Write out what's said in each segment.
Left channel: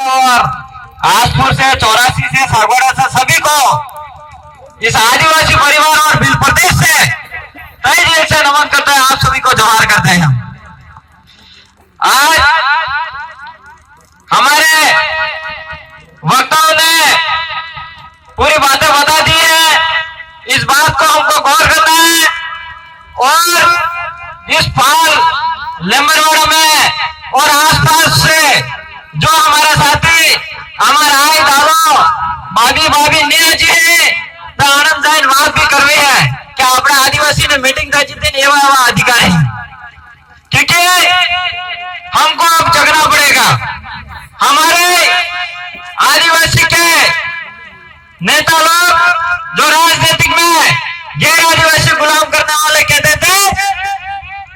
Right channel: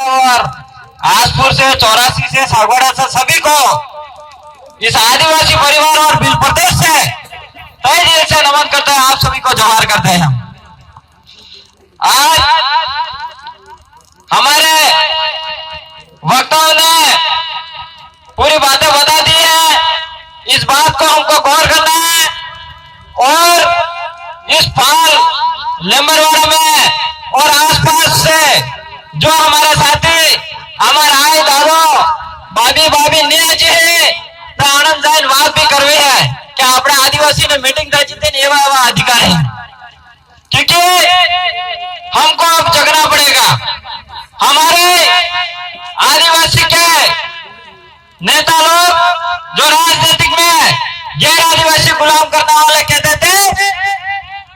और आसपुर से, 84 से, सागवाड़ा से सभी को इस आदिवासी परिवार और बिल प्रदेश से तहे दिल से नमन करते हैं। आप सभी को जोहार करते हैं। हम आज हमारे वक्ताओं ने पूरी बातें बता दी है। इस बात को हमको गौर करना है और इस फाल लेम्बरवाड़ा में और आसपास से जो हमारा साथी हमारा आए दादो बाबी बाबी निया जी है तो आनंद जाइन बात भी करवे है कि अपने आदिवासी में मीटिंग था जितने एवं एवं अधिकार है, क्योंकि हमको अब जगना पड़ेगा। हमारे आदिवासी के नेता लोग जो राजनीतिक में गैर आदिवासी गुलाम करने वाले कहते थे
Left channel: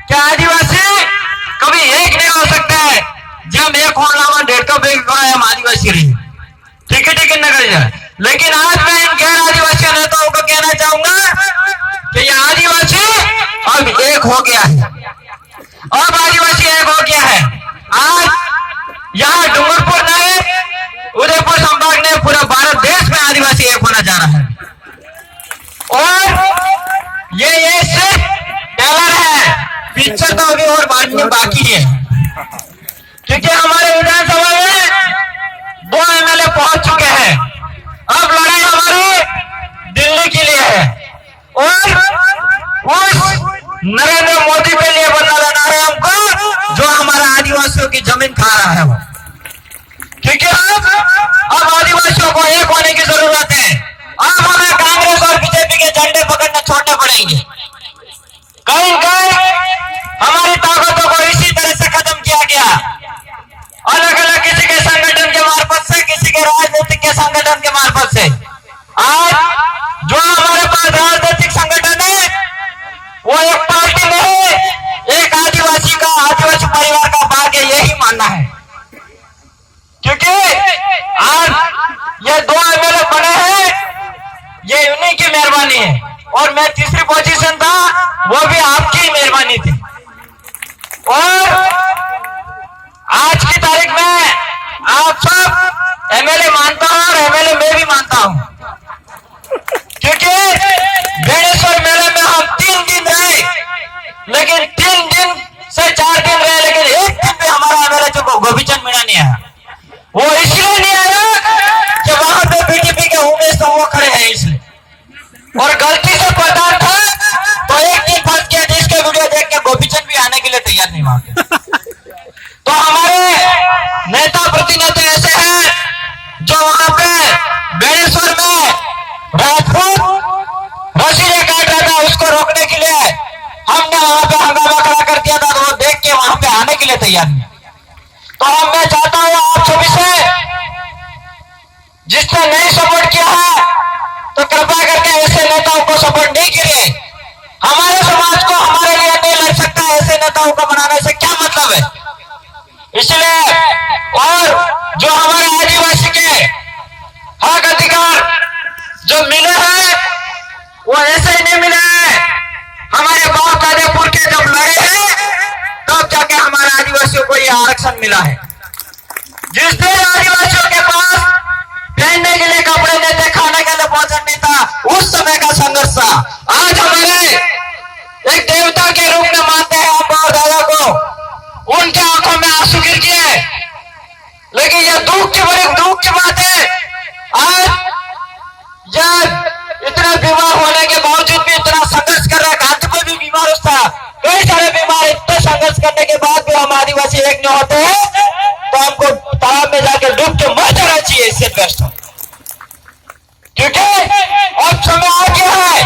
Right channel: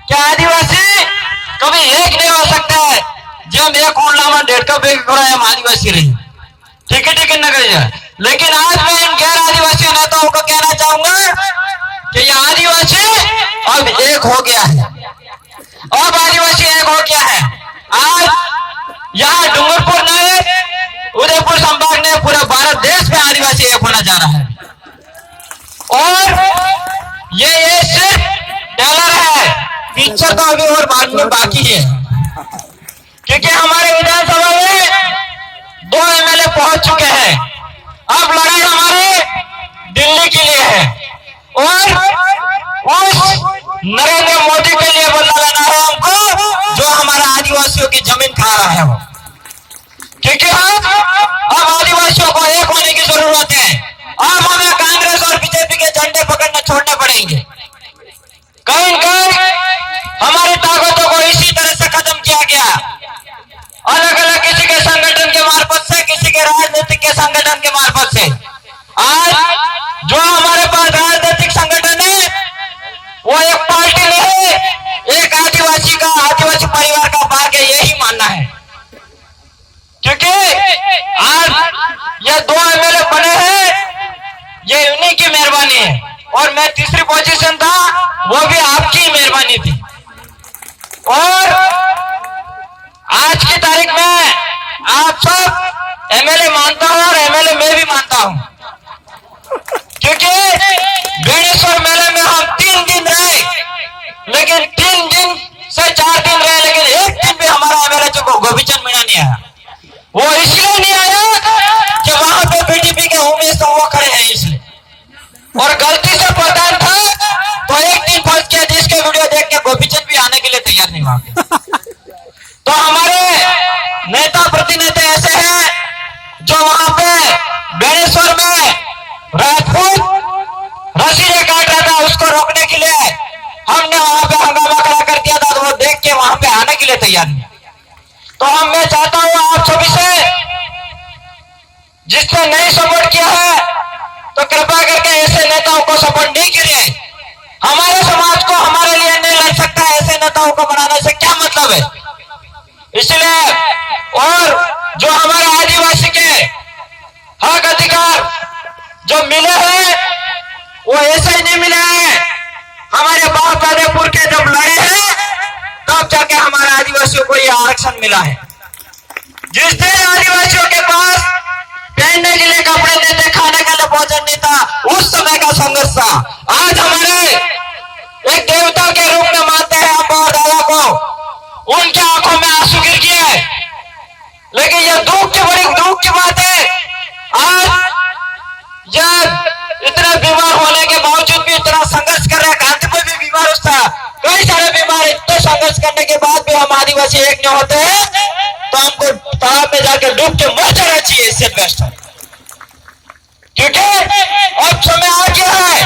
कि आदिवासी कभी एक नहीं हो सकता है, जब एक होना डेढ़ का बेग करो हम आदिवासी रही, ठीक है न करिए। लेकिन आज मैं इन गैर आदिवासी नेताओं को कहना चाहूंगा कि ये आदिवासी अब एक हो गया है। अब आदिवासी एक हो गया है। आज यहाँ डूंगरपुर नहीं, उदयपुर संभाग ने पूरा भारत देश में आदिवासी एक होना जा रहा है। और ये सिर्फ टेलर है, पिक्चर तो अभी और बांटने बाकी है, क्योंकि हमारे विधानसभा में 2 एमएलए पहुंच चुके हैं। अब लड़ाई हमारी दिल्ली के लिए है और उस नरेंद्र मोदी के लिए बदला लेना है हमको, जो हमारा आदिवासियों की जमीन खा रहा है वो। क्योंकि अब आदिवासियों को एक होने की जरूरत है। अब हमें कांग्रेस और बीजेपी के झंडे पकड़ना छोड़ने पड़ेंगे। कहीं कहीं हमारी ताकतों को इसी तरह से खत्म किया गया, अलग अलग किसी के संगठन के मार्फत से, किसी के राजनीतिक के संगठन के मार्फत से। आज जो हमारे पास राजनीतिक संगठन है वो एक पार्टी नहीं, एक आदिवासी का, आदिवासी परिवार का भाग है, यही मानना है। क्योंकि आज ये 2 एमएलए बने हैं, ये उन्हीं की मेहरबानी है और मैं तीसरी पोजीशन था, वो भी आपकी मेहरबानी थी। और आज की तारीख में आप सब एमएलए मानता हूं और एमएलए मैं भी मानता हूं, क्योंकि बेणेश्वर मेले में हम 3 दिन रहे, लेकिन 3 दिन से 4 दिन रहे, लेकिन एक दिन भी हमारा एमएलए जो गोपीचंद मीणा नहीं आया। वो इसलिए नहीं आया कि वहां पे बीटीपी के उमेश तो वो खड़े हैं इसलिए, और गलती से प्रधान था तो एक दिन फंस गया, जिसके वीडियो देख के गोपीचंद भी आने के लिए तैयार नहीं वहां पे। तो हमारे नेता प्रतिनिधि ऐसे हैं जो वहां पे बेणेश्वर में राजपूत रसीदे काट रहा था, उसको रोकने के लिए हमने वहां पे हंगामा खड़ा कर दिया था, तो वो देख के वहां पे आने के लिए तैयार नहीं। तो मैं चाहता हूं आप सभी से, जिसने नहीं सपोर्ट किया है तो कृपया करके ऐसे नेताओं को सपोर्ट नहीं करिए। हमारे समाज को हमारे लिए नहीं लड़ सकता, ऐसे नेताओं को बनाने से क्या मतलब है। इसलिए और जो हमारे आदिवासी के हक अधिकार जो मिले हैं वो ऐसे ही नहीं मिले हैं। हमारे बाप दादे पुरखे जब लड़े हैं तब जाके हमारे आदिवासियों को ये आरक्षण मिला है। जिस दिन आदिवासियों के पास पहनने के लिए कपड़े नहीं थे, खाने के लिए भोजन नहीं था, उस समय का संघर्ष था। आज हमारे एक देवता के रूप में मानते हैं आप और दादा को, उनके आंखों में आंसू गिर गए, लेकिन ये दुख की बात है। आज जब इतना बीमार होने के बावजूद भी इतना संघर्ष कर रहे हैं, कांति में भी बीमार था, कई सारे बीमार, इतने संघर्ष करने के बाद भी हम आदिवासी एक नहीं होते हैं, तो हमको तालाब में जाकर डूब के मर जाना चाहिए, इससे बेस्ट हो। क्योंकि अब समय आ गया है।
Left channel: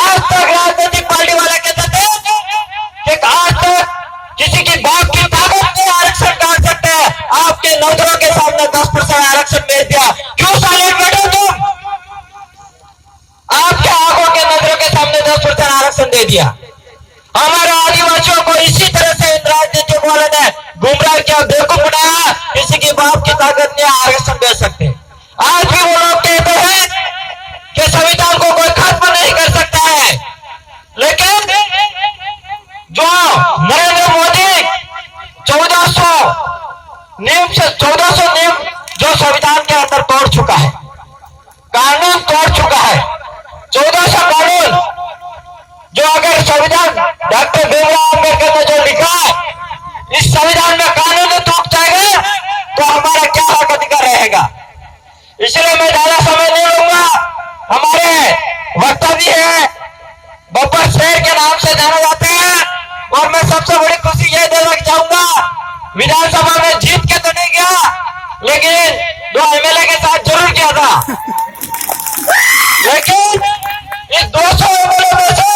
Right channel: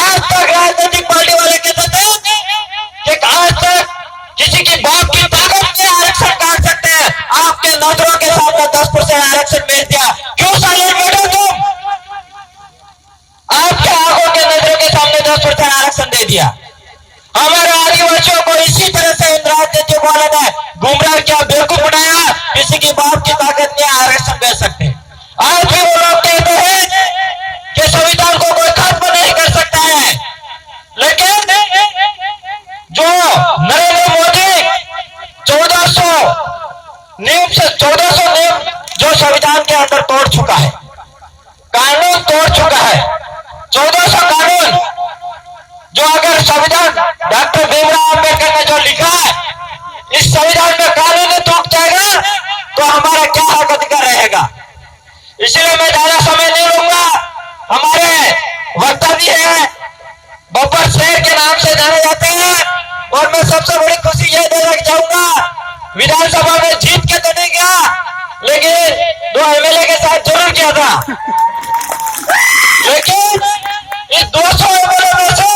आज तक राजनीतिक पार्टी वाले कहते थे कि आज तक किसी की बाप की ताकत में आरक्षण काट सकते हैं, आपके नौकरों के सामने 10% आरक्षण भेज दिया, क्यों साइलेंट बैठो तुम? आपके आंखों के नजरों के सामने 10% आरक्षण दे दिया। हमारे आदिवासियों को इसी तरह से इन राजनीतिक वालों ने गुमराह किया, बेवकूफ बनाया, किसी की बाप की ताकत में आरक्षण दे सकते। आज भी वो लोग कहते हैं कि संविधान को कोई खत्म नहीं कर सकता है, लेकिन जो नरेंद्र मोदी रहेगा। इसलिए मैं ज्यादा समय नहीं लूंगा। हमारे वक्ता भी है, बब्बर शेर के नाम से जाने जाते हैं। और मैं सबसे बड़ी खुशी ये देना चाहूंगा, विधानसभा में जीत के तो नहीं गया, लेकिन 2 एमएलए के साथ जरूर किया था। लेकिन इस 200 एमएलए में से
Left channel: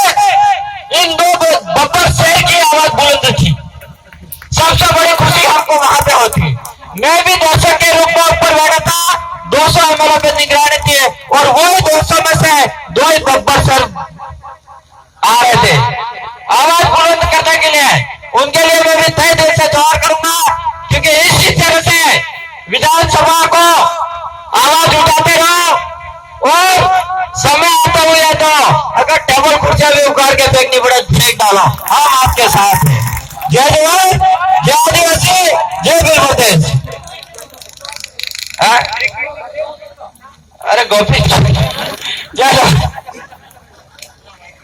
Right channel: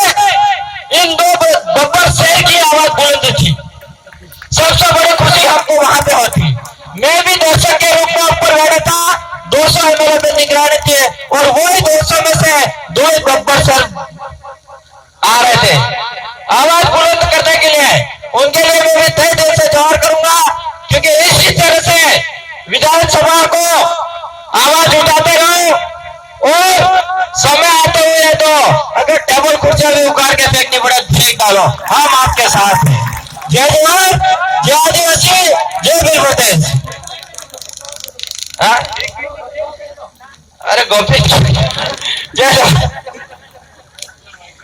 इन 2 बब्बर शेर की आवाज बुलंद थी। सबसे बड़ी खुशी हमको वहां पे होती। मैं भी दर्शक के रूप में ऊपर बैठा था, 200 एमएलए पे निगरानी थी, और वही 200 में से 2 ही बब्बर शेर आ रहे थे आवाज बुलंद करने के लिए। उनके लिए मैं भी तहे दिल से जोर करूंगा, क्योंकि इसी तरह से विधानसभा को आवाज उठाते रहो। और समय आता हुआ तो अगर टेबल कुर्सियां भी उखाड़ के फेंकनी पड़े, फेंक डालो, हम आपके साथ हैं। जय जवान, जय आदिवासी, जय वीर प्रदेश। अरे गोपी, जय जवान।